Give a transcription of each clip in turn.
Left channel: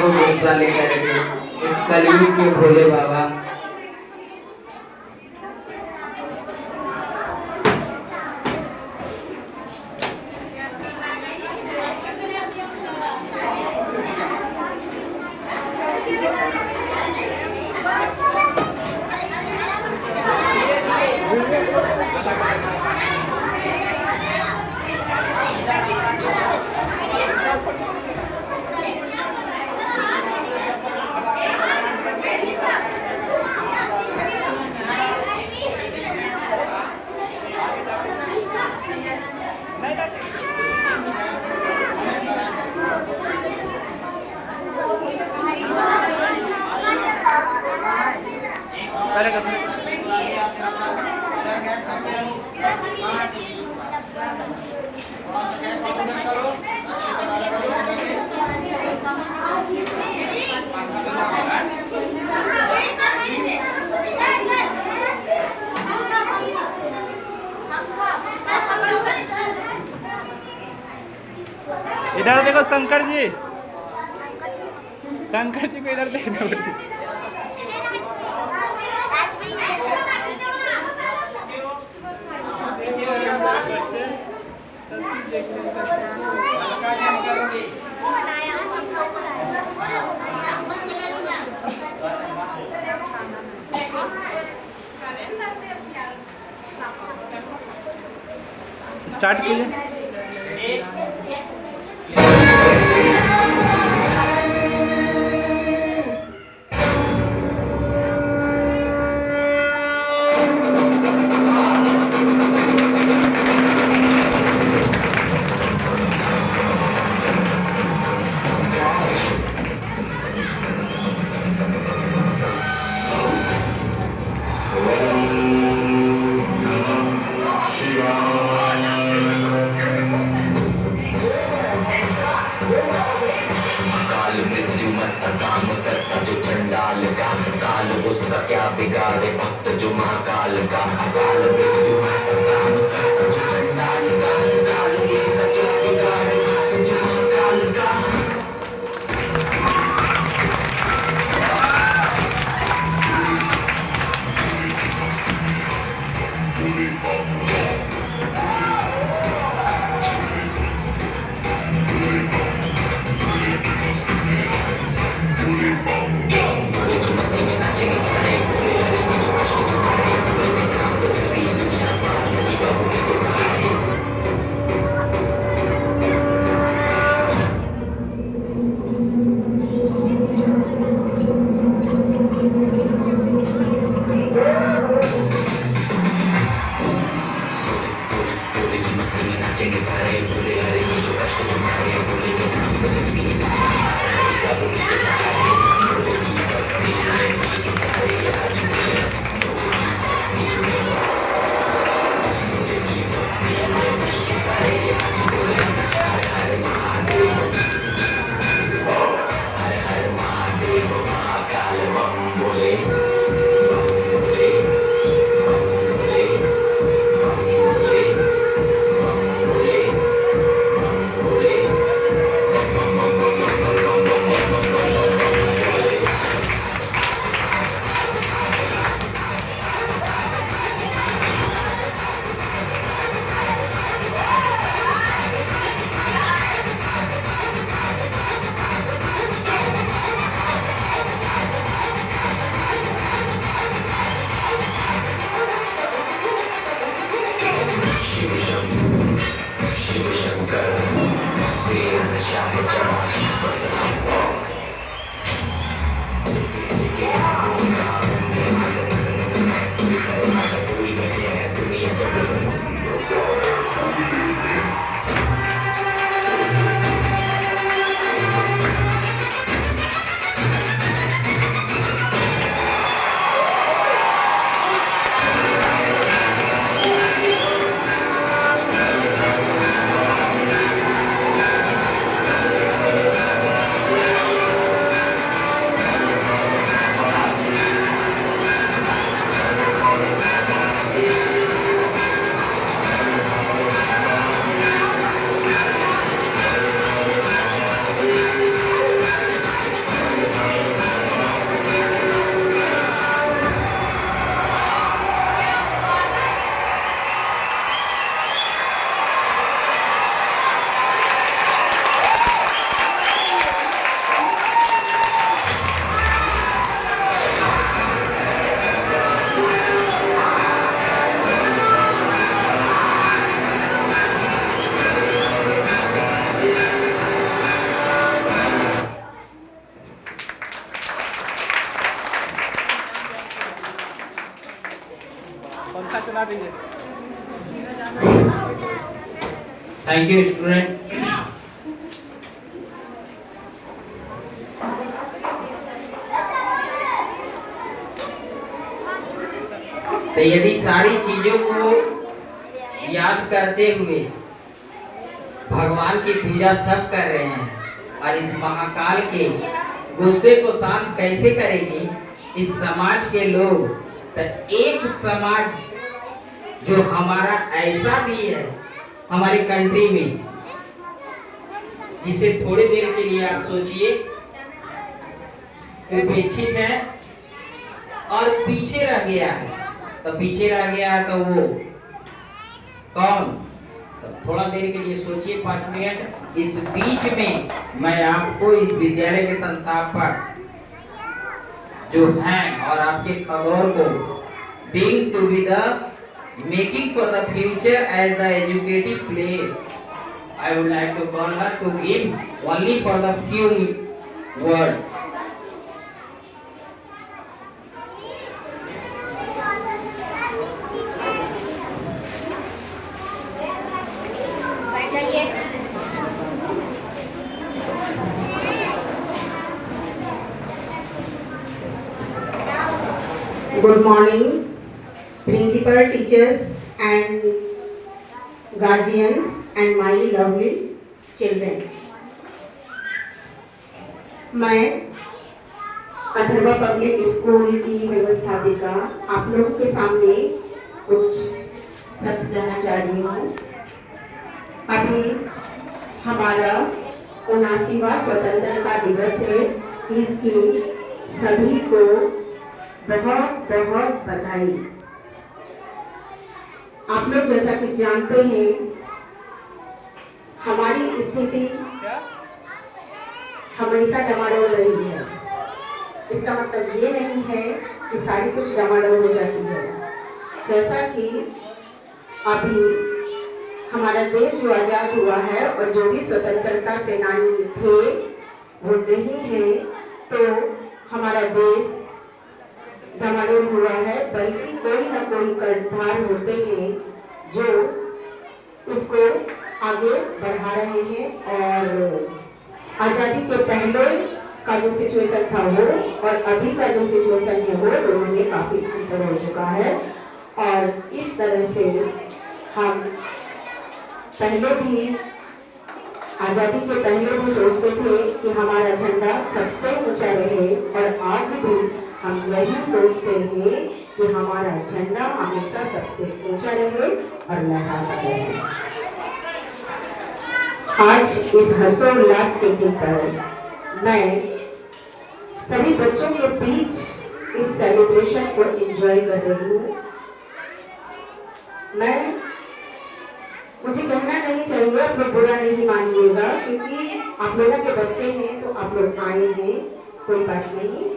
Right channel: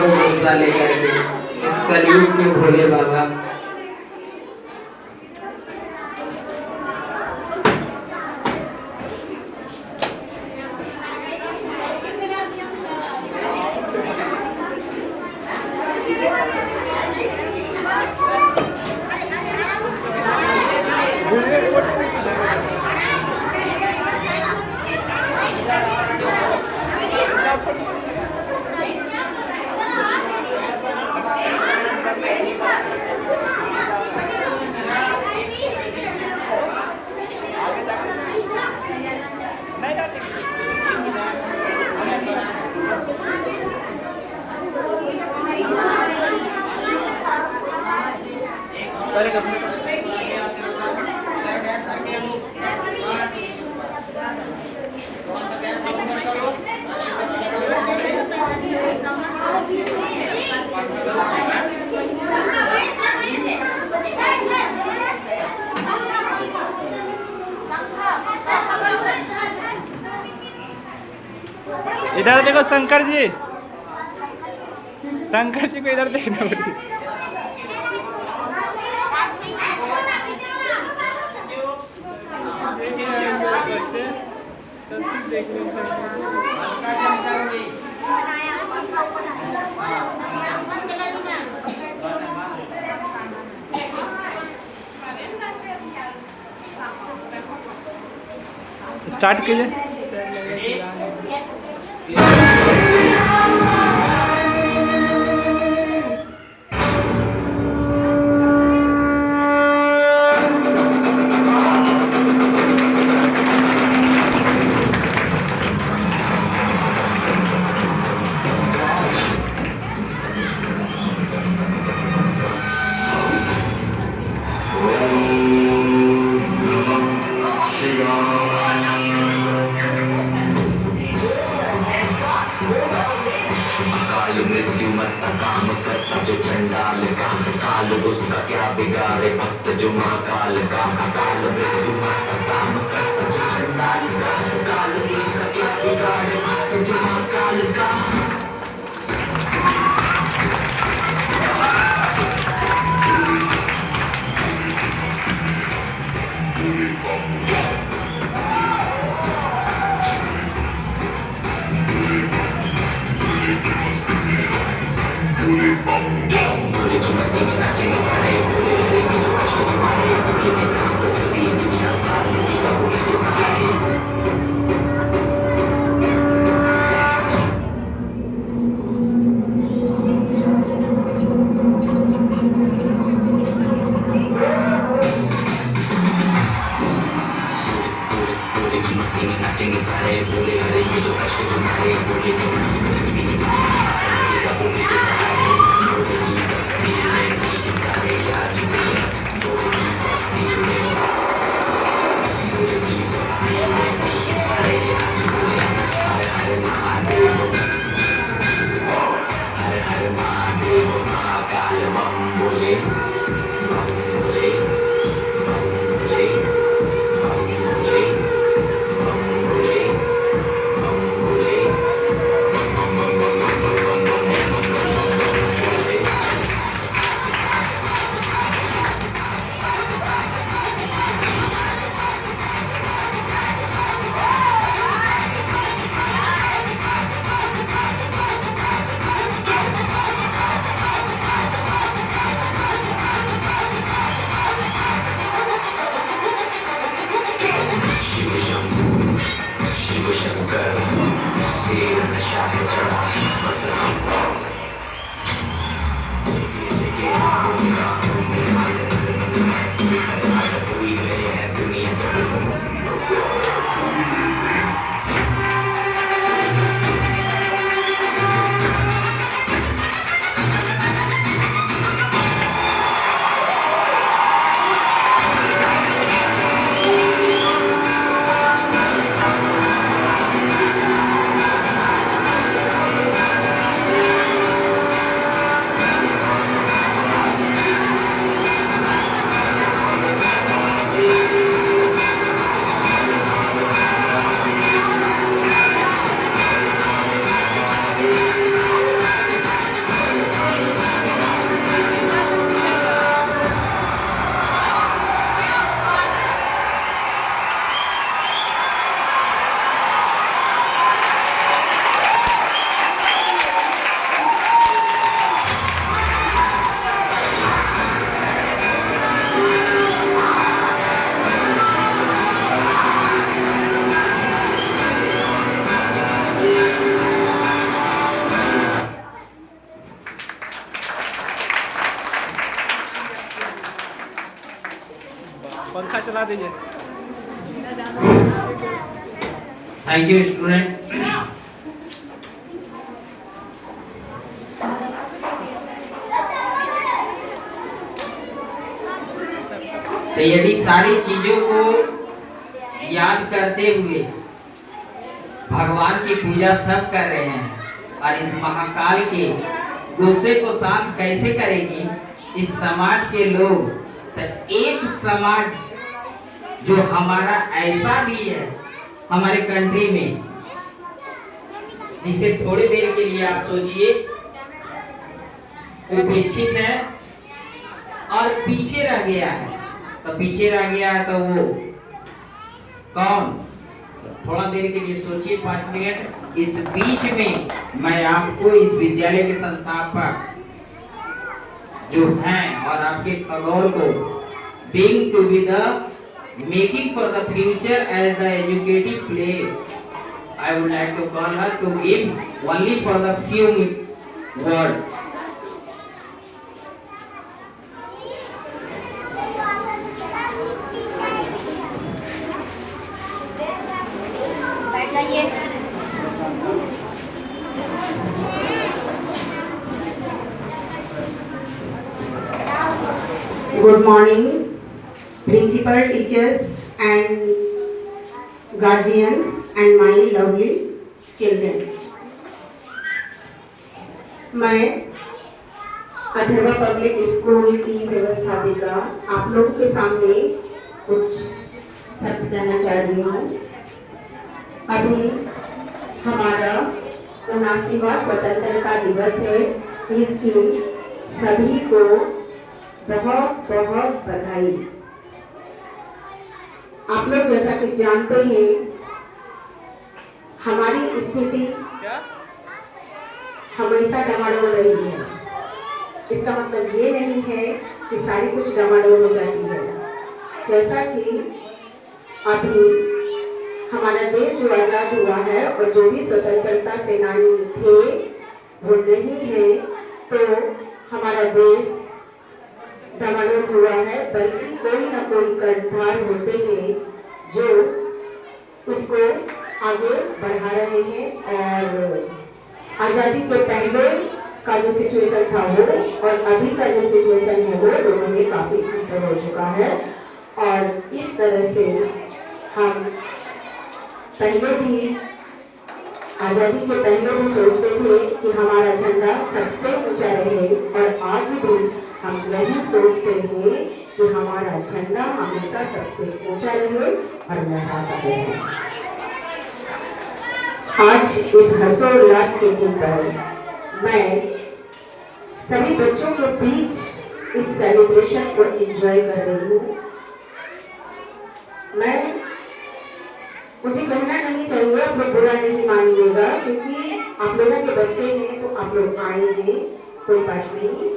को गुस्सा लेकर के इस कलयुग के भोले बाबा। इधर देखो शंकर जी, शंकर जी को इधर देखना। स्टार्ट कीजिए। चला दीजिए। Thank you student. तो यदि सारी चीजों को याद करते हुए भगवान की पूजा सब कर रहे हैं और इस महाकाल के गुस्से को शांत कैसे करेंगे इस समाज के लोग, तो एक समाज जो हमारा ऐसा भी है हमारे कंट्री में, जिसे थोड़ी देर के लिए आप सोचिए उपेक्षित है और पीछे रह गया है, तो पीछे रह गया है तो वो कौन? तो थोड़ा देर के लिए सोचिए 5 मिनट। इस बीच में मैं आपको इस विद्यालय के संस्थापक जो हैं और आपके खगोल को being to be the making for the future as the educative place, I would like to call her to give only for the few words. Good morning, principal, teachers and guardians and my lovely children. मैं Atharva public school की व्यवस्थापिका आप लोगों के सामने कुछ शब्द कहना चाह रही हूँ। अभी हमारा 79वां स्वतंत्रता दिवस है। इसकी सभी को बहुत बहुत बधाई। आप लोग जैसा कि जानते हैं हमारी स्थिति हमेशा डमाडोल रही है। इसका मतलब ये नहीं है कि सारी कुछ डमाडोल हो जाती है। जैसा कि अभी हमारा देश जो आज़ाद हुआ है और जो भी स्वतंत्रता सेनानी थे वो नहीं है, तो हमारा देश डमाडोल हुआ है, बल्कि कोई ना कोई कर्णधार होते हैं जो इसको आगे बढ़ा रहे हैं। और आज़ादी के पहले का जो सिचुएशन था वो और अभी का जो सिचुएशन है वो दोनों में काफ़ी अंतर हो चुका है। और इस तरह से हम पहले भी आज़ादी के पहले भी सोचते थे कि हमारा झंडा सबसे ऊंचा रहे, और आज भी हम यही सोचते हैं कि हमारा झंडा हमेशा सबसे ऊंचा रहे और लहराता रहे। आज इस हर्षोल्लास के दिन पर मैं सभी बच्चों के बीच इस सेलिब्रेशन को एंजॉय कर रही हूँ। मुझे कहना नहीं चाहिए, आप लोग बुरा नहीं मानिएगा, क्योंकि आप लोगों के बच्चे हैं तो आप लोग आएंगे, कोई बात नहीं।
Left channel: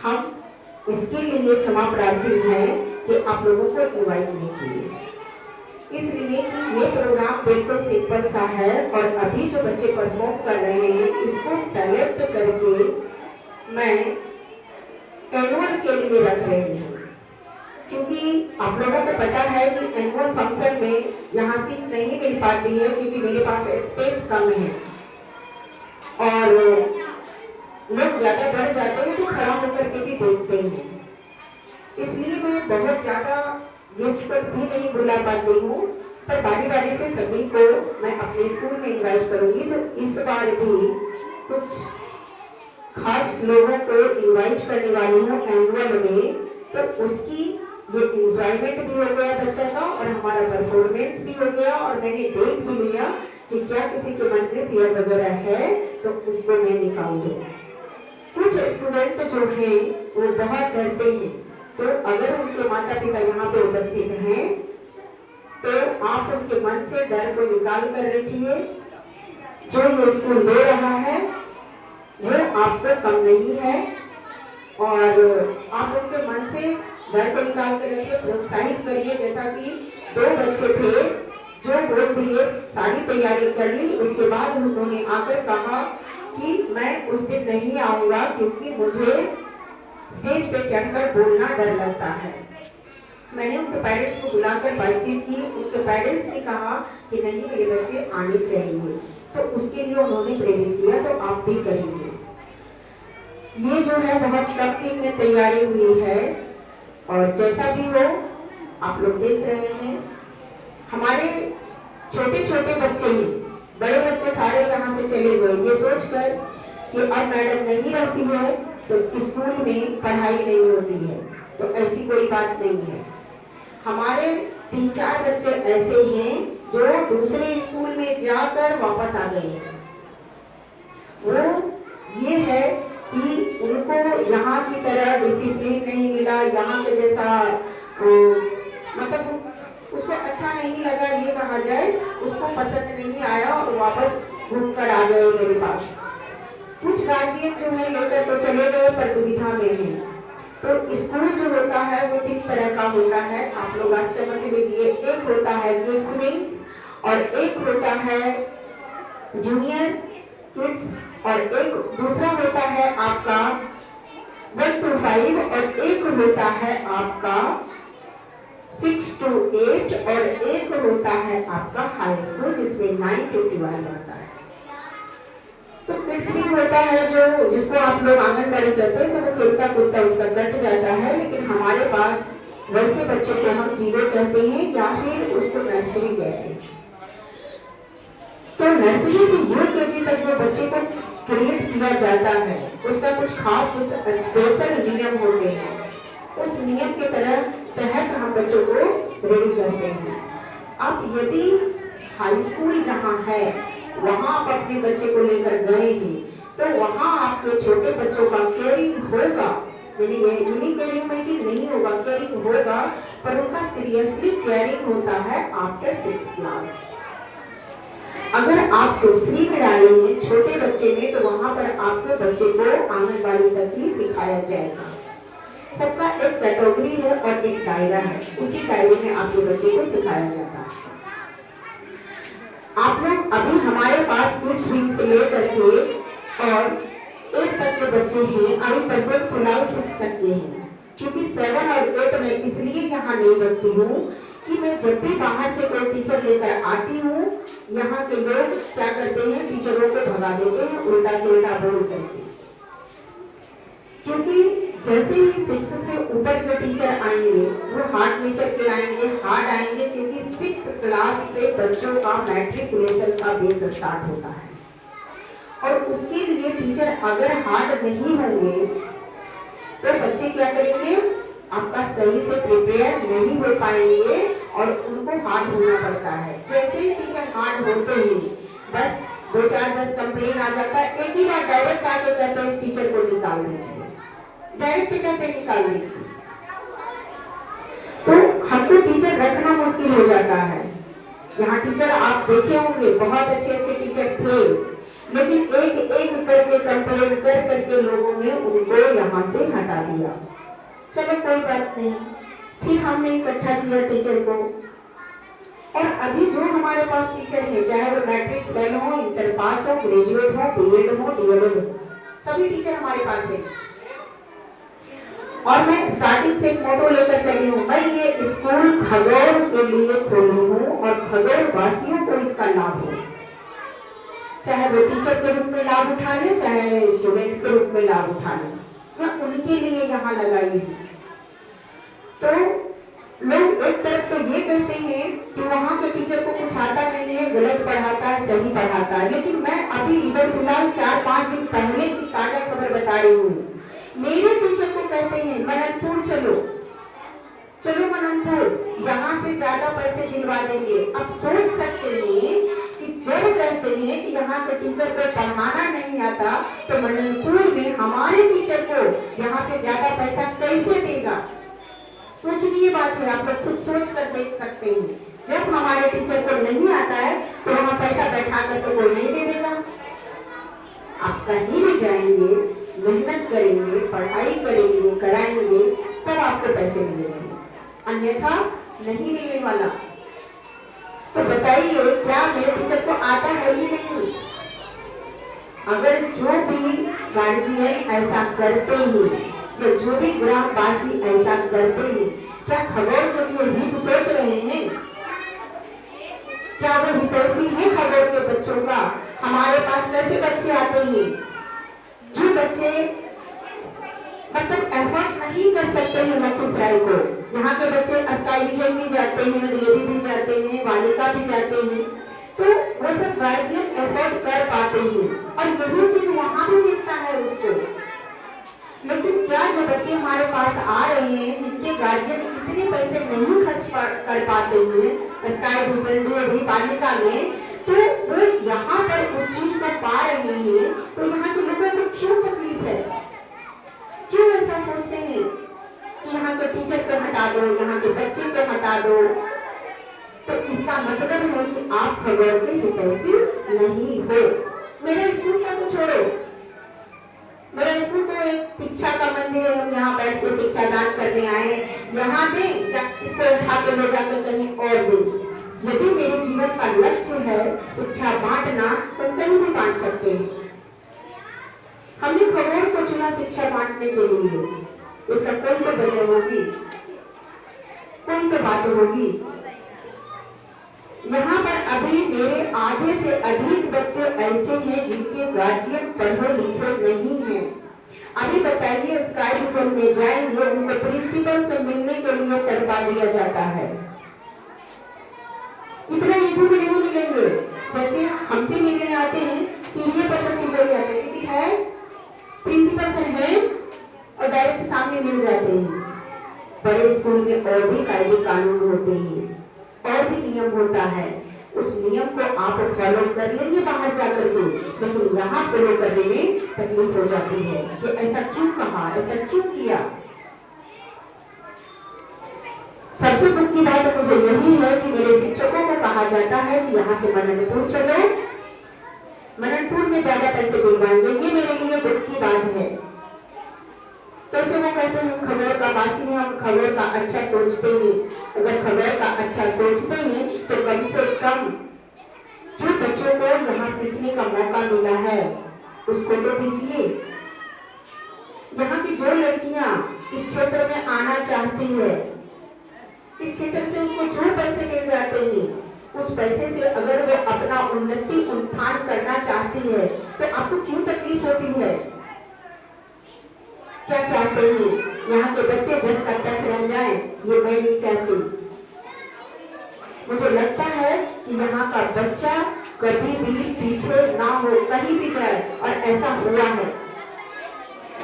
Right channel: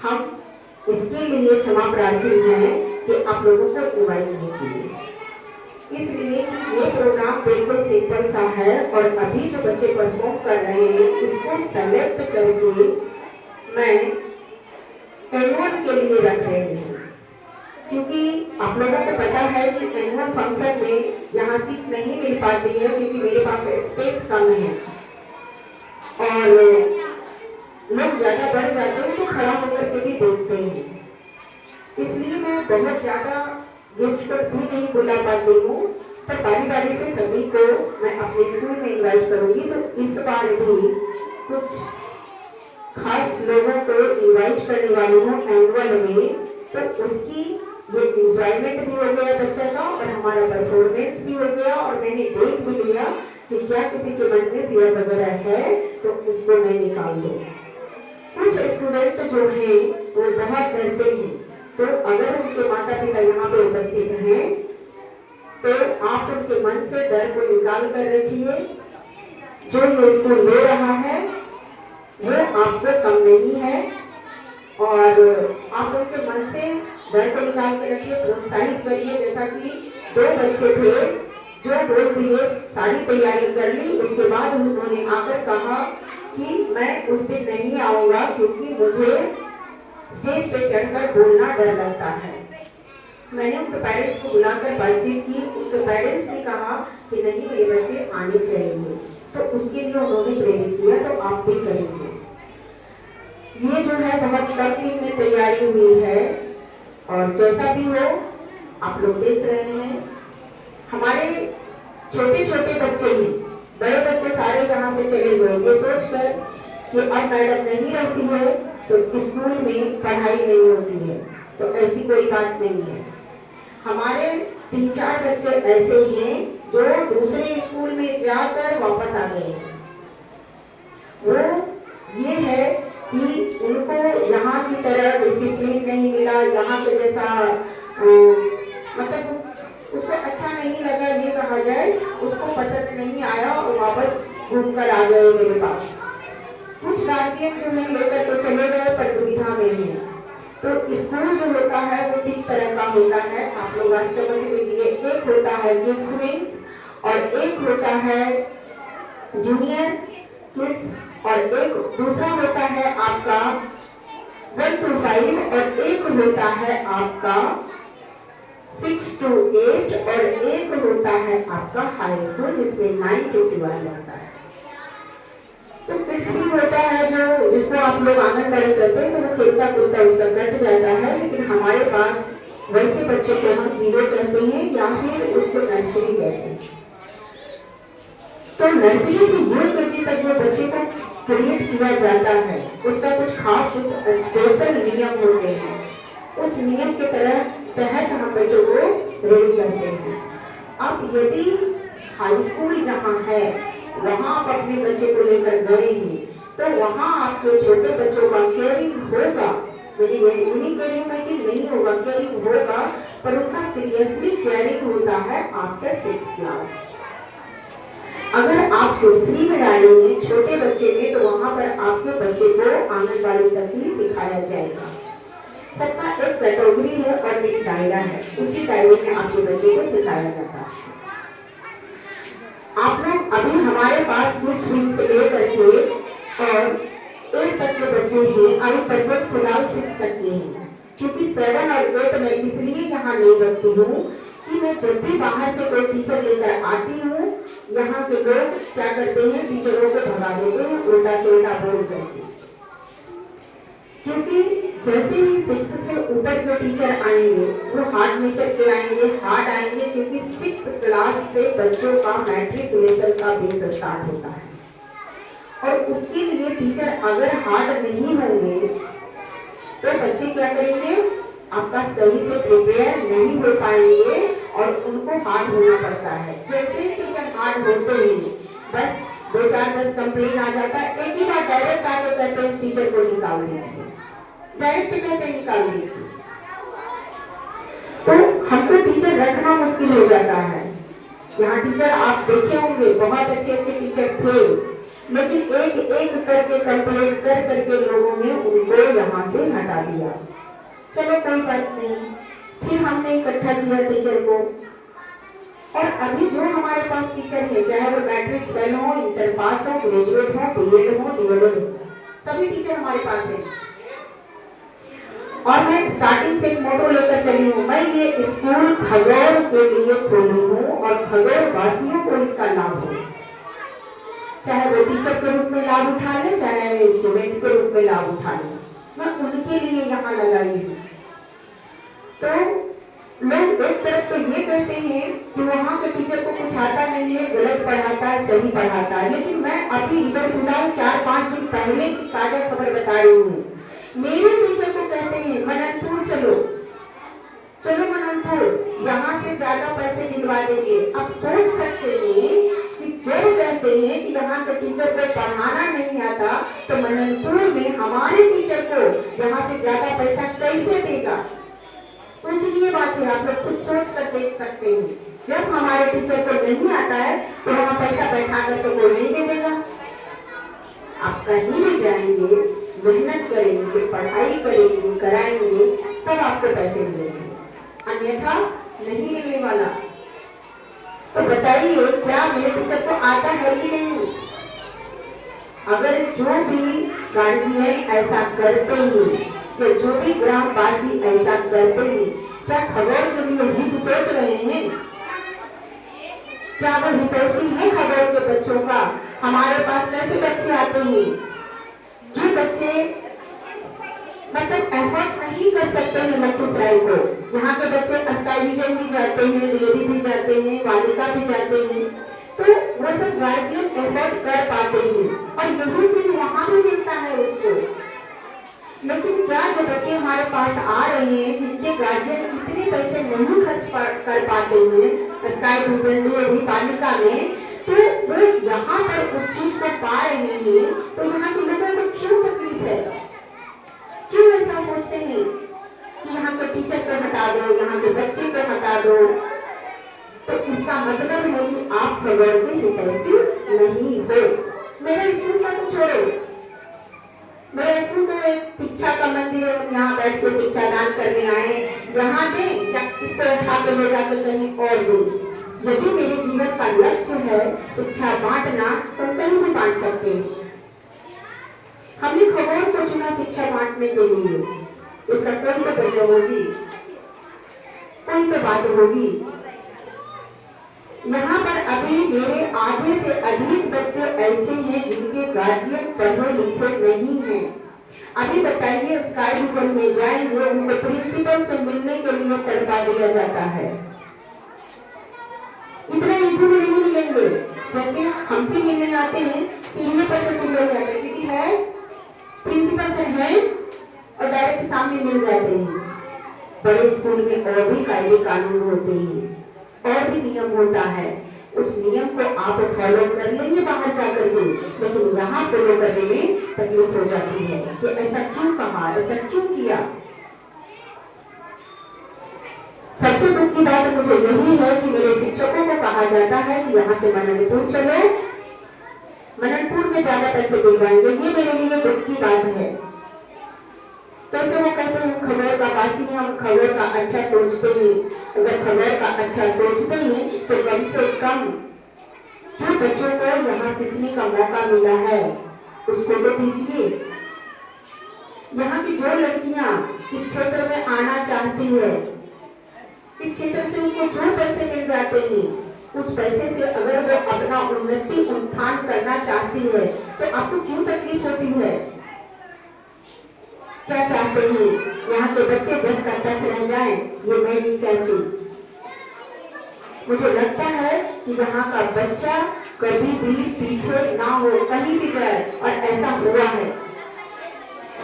हम इसके लिए क्षमा प्रार्थी हैं कि आप लोगों को इनवाइट नहीं किए, इसलिए कि ये प्रोग्राम बिल्कुल सिंपल सा है और अभी जो बच्चे परफॉर्म कर रहे हैं इसको सेलेक्ट करके मैं एनुअल के लिए रख रही हूँ। क्योंकि आप लोगों को पता है कि एनुअल फंक्शन में यहाँ सीट नहीं मिल पाती है, क्योंकि मेरे पास स्पेस कम है और लोग ज़्यादा बढ़ जाते हैं तो खड़ा होकर के भी देखते हैं। इसलिए मैं बहुत ज़्यादा गेस्ट पर भी नहीं बुला पाती हूँ, पर बारी बारी से सभी को मैं अपने स्कूल में इनवाइट करूँगी। तो इस बार भी कुछ खास लोगों को इनवाइट करने वाली हूँ एनुअल में, तो उसकी ये इंजॉयमेंट भी हो गया बच्चा का और हमारा परफॉर्मेंस भी हो गया। और मैंने देख भी लिया कि क्या किसी के मन में फियर वगैरह है तो उसको मैं निकाल दूँ। कुछ स्टूडेंट जो हैं वो बहुत डरते हैं, तो अगर उनके माता पिता यहाँ पे उपस्थित हैं तो आप उनके मन से डर को निकाल कर रखिए। जो ये स्कूल ले रहा है वो आपको कम नहीं है, और आप उनके मन से डर को निकाल के रखिए, प्रोत्साहित करिए। जैसा कि 2 बच्चे थे जो बोल दिए सारी तैयारी कर ली, उसके बाद उन्होंने आकर कहा कि मैं उस दिन नहीं आऊँगा क्योंकि मुझे स्टेज पे चढ़कर बोलना डर लगता है। मैंने उनके पेरेंट्स को बुलाकर बातचीत की। उनके पेरेंट्स ने कहा कि नहीं मेरे बच्चे आने चाहिए, तो उसके लिए उन्होंने प्रेरित किया, तो आप भी करेंगे। ये जो है बहुत कम दिन में तैयारी हुई है, और जैसा भी हो आप लोग देख रहे हैं, हमारे छोटे छोटे बच्चे ही, बड़े बच्चे सारे यहाँ से चले गए ये सोचकर कि अब मैडम नहीं रहती है तो स्कूल में पढ़ाई नहीं होती है, तो ऐसी कोई बात नहीं है। हमारे 3-4 बच्चे ऐसे हैं जो दूसरे स्कूल में जाकर वापस आ गए हैं। वो ये है कि उनको यहाँ की तरह डिसिप्लिन नहीं मिला, यहाँ के जैसा मतलब उसको अच्छा नहीं लगा, ये कहा जाए, उसको पसंद नहीं आया और वापस घूम कर आ गए मेरे पास। कुछ गार्जियन जो है लेकर तो चले गए पर दुविधा में है। तो स्कूल जो होता है वो 3 तरह का होता है, आप लोग आज समझ लीजिए। एक होता है किड्स विंग्स और एक होता है जूनियर किड्स और एक दूसरा होता है आपका 1 to 5 और एक होता है आपका 6 to 8 और एक होता है आपका हाई स्कूल जिसमें 9 to 12 आता है। तो किड्स भी होता है जो जिसको आप लोग आंगनबाड़ी कहते हैं, तो वो खेलता कूदता उसका कट जाता है, लेकिन हमारे पास वैसे बच्चे को हम जीरो कहते हैं या फिर उसको नर्सरी कहते हैं। तो नर्सरी से यूकेजी तक जो बच्चे को क्रिएट किया जाता है उसका कुछ खास स्पेशल नियम होते हैं। उस नियम के तहत हम बच्चों को रेडी करते हैं। अब यदि हाई स्कूल जहाँ है वहाँ आप अपने बच्चे को लेकर गए हैं तो वहाँ आपके छोटे बच्चों का केयरिंग होगा, यानी केयरिंग में कि नहीं होगा, केयरिंग होगा, पर उनका सीरियसली केयरिंग होता है आफ्टर 6th क्लास। अगर आप नर्सरी में डालेंगे छोटे बच्चे में तो वहाँ पर आपके बच्चे को आंगनबाड़ी तक ही सिखाया जाएगा। सबका एक कैटेगरी है और एक दायरा है, उसी दायरे में आपके बच्चे को सिखाया जाता है। आप लोग अभी हमारे पास किड्स विंग से लेकर के और 8 तक के बच्चे हैं, अभी बच्चे फिलहाल 6 तक के हैं, क्योंकि 7 और 8 में इसलिए यहाँ नहीं रखती हूँ कि मैं जब भी बाहर से कोई टीचर लेकर आती हूँ, यहाँ के लोग क्या करते हैं, टीचरों को भगा देते हैं उल्टा से उल्टा बोल करके। क्योंकि जैसे ही 6 से ऊपर के टीचर आएंगे वो हार्ड नेचर के आएंगे, हार्ड आएंगे, क्योंकि 6 क्लास से बच्चों का मैट्रिकुलेशन का बेस स्टार्ट होता है और उसके लिए टीचर अगर हार्ड नहीं होंगे तो बच्चे क्या करेंगे, आपका सही से प्रिपेयर नहीं हो पाएंगे और उनको हार्ड होना पड़ता है। जैसे ही टीचर हार्ड होते ही बस 2-4-10 कंप्लेन आ जाता है, एक ही बार डायरेक्ट आके कहते हैं इस टीचर को निकाल दीजिए, डायरेक्ट कहते निकाल दीजिए। तो हमको टीचर रखना मुश्किल हो जाता है। यहाँ टीचर आप देखे होंगे बहुत अच्छे टीचर थे, लेकिन एक एक करके कंप्लेन कर करके लोगों ने उनको यहाँ से हटा दिया। चलो कोई बात नहीं, फिर हमने इकट्ठा किया टीचर को, और अभी जो हमारे पास टीचर है, चाहे वो मैट्रिक फेल हो, इंटर पास हो, ग्रेजुएट हो, बीएड हो, डीएलएड हो, सभी टीचर हमारे पास है। और मैं स्टार्टिंग से एक मोटो लेकर चली हूँ, मैं ये स्कूल खगौर के लिए खोली हूँ और खगौर वासियों को इसका लाभ हो, चाहे वो टीचर के रूप में लाभ उठा ले, चाहे स्टूडेंट के रूप में लाभ उठा ले, मैं उनके लिए यहाँ लगाई हूँ। तो लोग एक तरफ तो ये कहते हैं कि वहाँ के टीचर को कुछ आता नहीं है, गलत पढ़ाता है, सही पढ़ाता है, लेकिन मैं अभी इधर फिलहाल 4-5 दिन पहले की ताजा खबर बता रही हूँ। मेरे टीचर को कहते हैं मननपुर चलो मननपुर, यहाँ से ज्यादा पैसे दिलवा देंगे। अब सोच सकते हैं कि जब कहते हैं कि यहाँ के टीचर को पढ़ाना नहीं आता तो मननपुर में हमारे टीचर को यहाँ से ज्यादा पैसा कैसे देगा। सोचनीय बात है, आप लोग खुद सोच कर देख सकते हैं। जब हमारे टीचर को नहीं आता है तो वहाँ पैसा बैठा कर तो कोई नहीं दे देगा। आप कहीं भी जाएंगे, मेहनत करेंगे, पढ़ाई करेंगे, कराएंगे, तब आपको पैसे मिलेंगे, अन्यथा नहीं मिलने वाला। तो बताइए क्या मेरे टीचर को आता है कि नहीं। अगर जो भी गार्जियन ऐसा करते हैं या जो भी ग्रामवासी ऐसा करते हैं क्या खगोल के लिए हित सोच रहे हैं? क्या वो हितैषी है खगोल के बच्चों का? हमारे पास कैसे बच्चे आते हैं जो बच्चे मतलब एफर्ट नहीं कर सकते हैं लखीसराय को। यहाँ के बच्चे अस्काई विजन भी जाते हैं, डीएवी भी जाते हैं, वालिका भी जाते हैं, तो वो सब गार्जियन एफर्ट कर पाते हैं और यही चीज वहाँ भी मिलता है उसको। लेकिन क्या जो बच्चे हमारे पास आ रहे हैं जिनके गार्जियन इतने पैसे नहीं खर्च कर पाते हैं स्काई विजन डीएवी वालिका में, तो वो यहाँ पर उस चीज को पा रहे हैं, तो यहाँ के लोगों को क्यों तकलीफ है? क्यों ऐसा सोचते हैं कि यहाँ के टीचर को हटा दो, यहाँ के बच्चे को हटा दो? तो इसका मतलब है कि आप खगोल के हितैषी नहीं हो। मेरा स्कूल का तो छोड़ो, मेरा स्कूल तो एक शिक्षा का मंदिर है, यहाँ बैठ के शिक्षा दान करने आए, यहाँ दे इसको उठा के ले जाकर कहीं और दे। यदि मेरे जीवन का लक्ष्य है शिक्षा बांटना, तो कहीं भी बांट सकते हैं। हमने खगोल को चुना शिक्षा बांटने के लिए, इसका कोई तो वजह होगी, कोई तो बात होगी। यहाँ पर अभी मेरे आधे से अधिक बच्चे ऐसे हैं जिनके गार्जियन पढ़े लिखे नहीं हैं। अभी बताइए स्काई विजन में जाएंगे, उनको प्रिंसिपल से मिलने के लिए तड़पा दिया जाता है। इतना इजी में नहीं मिलेंगे, जैसे हमसे मिलने आते हैं सीढ़ी पर से चिल्लाए जाते हैं, क्योंकि है प्रिंसिपल सर है और डायरेक्ट सामने मिल जाते हैं। बड़े स्कूल में और भी कायदे कानून होते हैं और भी नियम होता है, उस नियम को आप फॉलो कर लेंगे बाहर जाकर के, लेकिन यहाँ फॉलो करने में तकलीफ हो जाती है कि ऐसा क्यों कहा, ऐसा क्यों किया। सबसे दुख की बात मुझे यही है कि मेरे शिक्षकों को कहा जाता है कि यहाँ से मननपुर चलो, मननपुर में ज्यादा पैसे दिलवाएंगे। ये मेरे लिए दुख की बात है। कैसे वो कहते हैं खगोल का वासी है, हम खगोल का अच्छा सोचते हैं। अगर खगोल का अच्छा सोचते हैं तो कम से कम जो बच्चों को यहाँ सीखने का मौका मिला है उसको तो दीजिए। यहाँ की जो लड़कियां इस क्षेत्र में आना चाहती है, इस क्षेत्र से उसको जो पैसे मिल जाते हैं, उस पैसे से अगर वो अपना उन्नति उत्थान करना चाहती है तो आपको क्यों तकलीफ होती है? क्या चाहते हैं यहाँ के बच्चे जस का तस रह जाए? ये मैं नहीं चाहती। मुझे लगता है कि यहाँ का बच्चा कभी भी पीछे ना हो, कहीं भी जाए, और ऐसा हुआ है।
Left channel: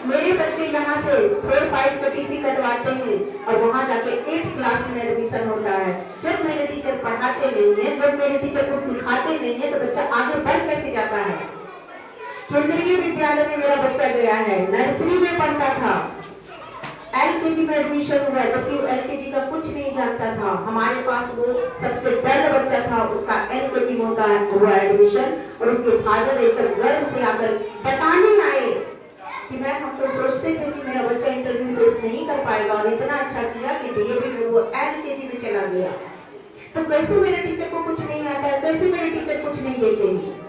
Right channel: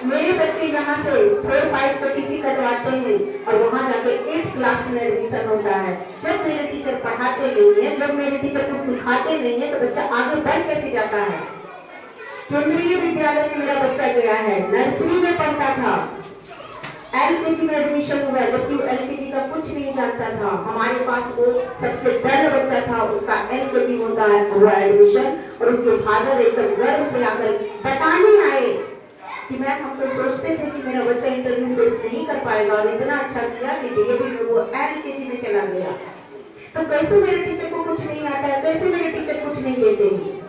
मेरे बच्चे यहाँ से 4-5 का टीसी कटवाते हैं और वहाँ जाके 8th क्लास में एडमिशन होता है। जब मेरे टीचर पढ़ाते नहीं है, जब मेरे टीचर कुछ सिखाते नहीं है, तो बच्चा आगे बढ़ कैसे जाता है? केंद्रीय विद्यालय में मेरा बच्चा गया है, नर्सरी में पढ़ता था, एलकेजी में एडमिशन हुआ, जबकि वो एलकेजी का कुछ नहीं जानता था। हमारे पास वो सबसे डर बच्चा था, उसका एलकेजी होता है हुआ एडमिशन, और उसके फादर एकदम गर्व से आकर बताने आए कि मैम हम तो सोचते थे कि मेरा बच्चा इंटरव्यू फेस नहीं कर पाएगा, और इतना अच्छा किया कि डीएवी में वो एलकेजी में चला गया। तो कैसे मेरे टीचर को कुछ नहीं आता है? कैसे मेरे टीचर कुछ नहीं देते हैं?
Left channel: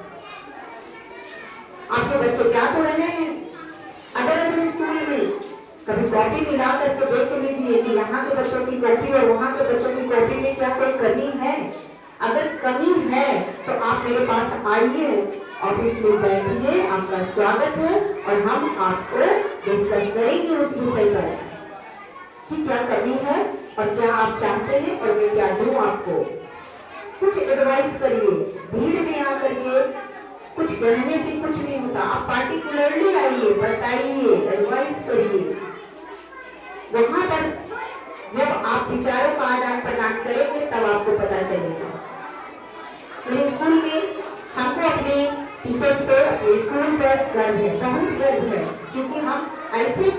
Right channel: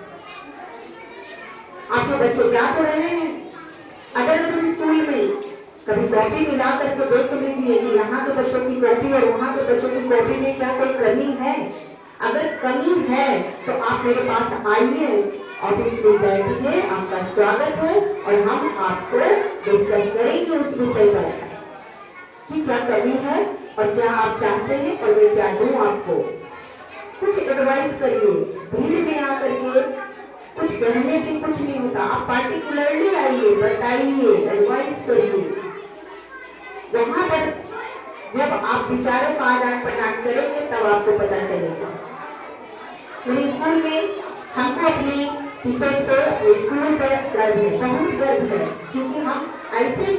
आपके बच्चे जा तो रहे हैं अदर स्कूल में, कभी कॉपी मिला करके देख लीजिए कि यहाँ के बच्चों की कॉपी और वहाँ के बच्चों की कॉपी में क्या कोई कमी है। अगर कमी है तो आप मेरे पास आइए, ऑफिस में बैठिए, आपका स्वागत है, और हम आपको डिस्कस करेंगे उस विषय पर कि क्या कमी है और क्या आप चाहते हैं और मैं क्या दूं आपको। कुछ एडवाइस करिए, भीड़ में आकर के कुछ कहने से कुछ नहीं होता। आप पार्टिकुलरली आइए, बताइए, एडवाइस करिए। वहां पर जब आप विचारों का आदान प्रदान करेंगे तब आपको पता चलेगा। मेरे स्कूल में हमको अपने टीचर्स पर, अपने स्कूल पर गर्व है, बहुत गर्व है, क्योंकि हम ऐसे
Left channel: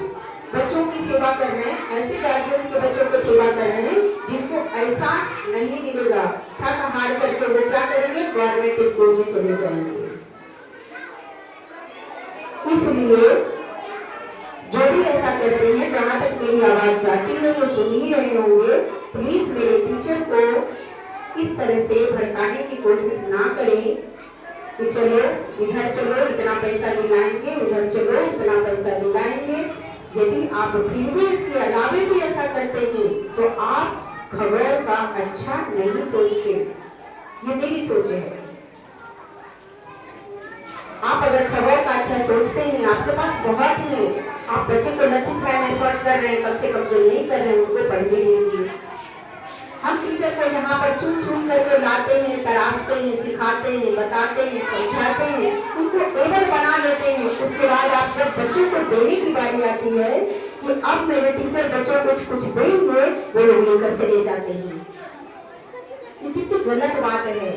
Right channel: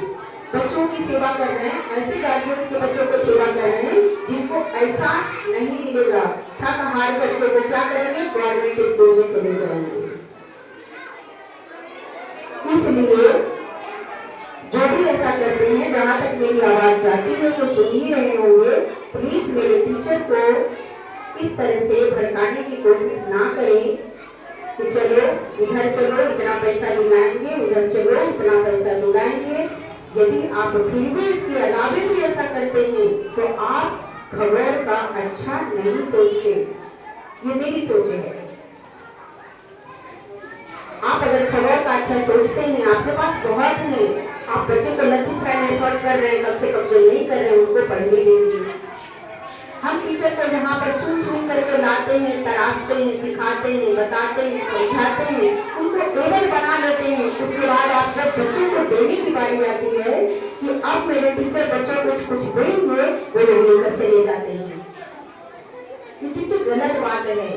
बच्चों की सेवा कर रहे हैं, ऐसे गार्जियंस के बच्चों को सेवा कर रहे हैं जिनको ऐसा नहीं मिलेगा। थक हार करके वो क्या करेंगे? गवर्नमेंट स्कूल में चले जाएंगे। इसलिए जो भी ऐसा करते हैं, जहाँ तक मेरी आवाज जाती है वो सुन ही रहे होंगे, प्लीज मेरे टीचर को इस तरह से भड़काने की कोशिश ना करें कि चलो इधर चलो इतना पैसा दिलाएंगे, उधर चलो इतना पैसा दिलाएंगे। यदि आप फिर भी इसके अलावे भी ऐसा करते हैं तो आप खबर का अच्छा नहीं सोचते। ये मेरी सोच है। आप अगर खबर का अच्छा सोचते हैं, आपके पास बहुत है, आप बच्चे को लखीसराय एफर्ट कर रहे हैं, कम से कम जो नहीं कर रहे हैं उनको पढ़ने दीजिए। हम टीचर को यहाँ पर चुन चुन करके लाते हैं, तराशते हैं, सिखाते हैं, बताते हैं, समझाते हैं, उनको एबल बना लेते हैं। उसके बाद आप जब बच्चों को देने की बारी आती है कि अब मेरे टीचर बच्चों को कुछ देंगे, वो लोग लेकर चले जाते हैं। ये कितनी गलत बात है।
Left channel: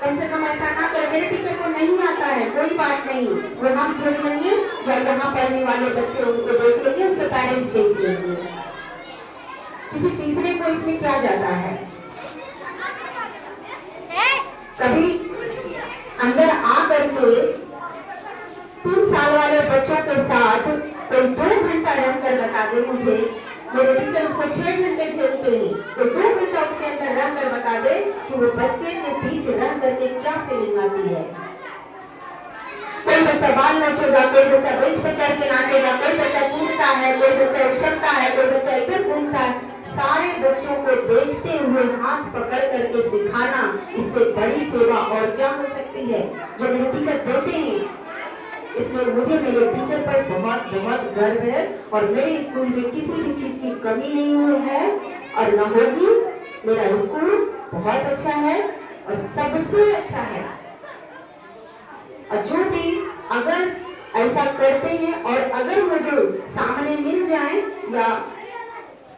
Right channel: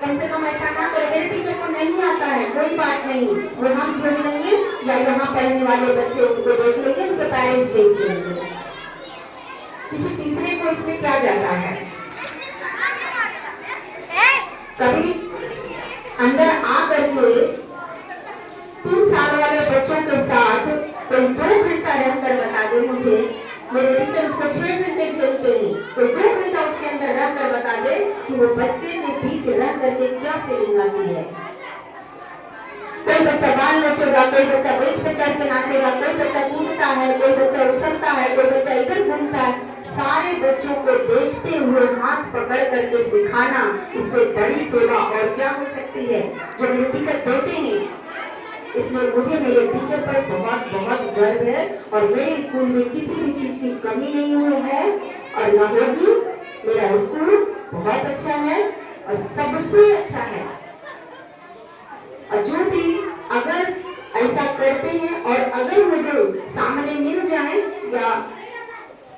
कम से कम ऐसा ना करें, मेरे टीचर को नहीं आता है, कोई बात नहीं, वो हम झेल लेंगे या यहाँ पढ़ने वाले बच्चे उनको देख लेंगे, उनके पेरेंट्स देख लेंगे। किसी तीसरे को इसमें क्या जाता है। कभी अंदर आ करके 3 साल वाले बच्चों के साथ कोई 2 घंटा रहकर बता दे मुझे, मेरे टीचर उसको 6 घंटे झेलते हैं, तो 2 घंटा उसके अंदर रह कर बता दे कि वो बच्चे के बीच रह करके क्या फीलिंग आती है। कोई बच्चा बाल नोचेगा, कोई बच्चा बेंच पे चढ़ के नाचेगा, कोई बच्चा कूदता है, कोई बच्चा उछलता है, कोई बच्चा इधर घूमता है। सारे बच्चों को देखते हुए हाथ पकड़ करके सिखाना, इससे बड़ी सेवा और क्या हो सकती है जो मेरे टीचर देते हैं। इसलिए मुझे मेरे टीचर पर बहुत बहुत गर्व है और मेरे स्कूल में किसी भी चीज की कमी नहीं हुई है और न होगी। मेरा स्कूल बहुत अच्छा है और सबसे अच्छा है। और जो भी अगर ऐसा करते हैं और अगर मुझे सामने मिल जाए या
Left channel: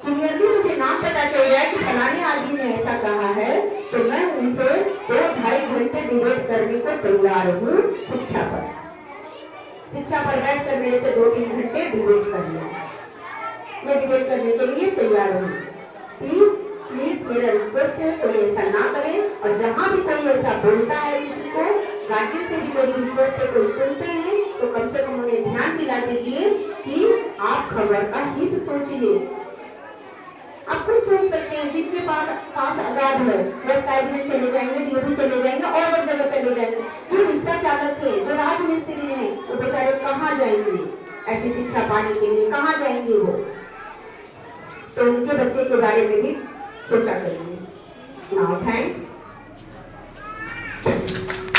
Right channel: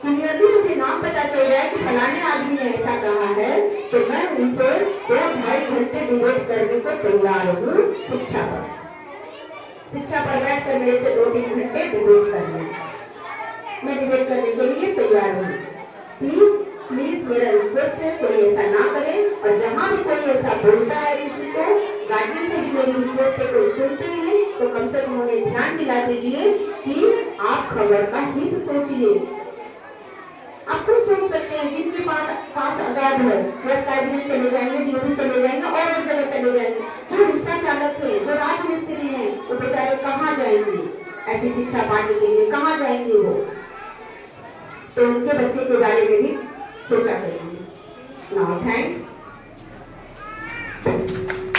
क्लियरली मुझे नाम पता चल जाए कि फलाने आदमी ने ऐसा कहा है, तो मैं उनसे 2-2.5 घंटे डिबेट करने को तैयार हूँ। शिक्षा पर बैठ कर मेरे से 2-3 घंटे डिबेट कर लें, मैं डिबेट करने के लिए तैयार हूँ। प्लीज प्लीज मेरा रिक्वेस्ट है, कोई ऐसा ना करे। और जहाँ भी कोई ऐसा बोलता है किसी को, गार्जियन से भी मेरी रिक्वेस्ट है, कोई सुनते हैं तो कम से कम उन्हें ध्यान दिला दीजिए कि आप खबर का हित सोचिए। आप खुद सोच सकते हैं, जिनके पास आगाद है वो गार्जियन चले जाएंगे, डीओडी चले जाएंगे और एक जगह चले जाएंगे। जो रिक्शा चालक है, जो राजमिस्त्री है, वो बेचारे कहाँ जाएंगे ऐसी शिक्षा पाने के लिए, कहाँ जाएंगे वो। तो उनके बच्चे के बारे में भी सोचा करेंगे। Now thanks.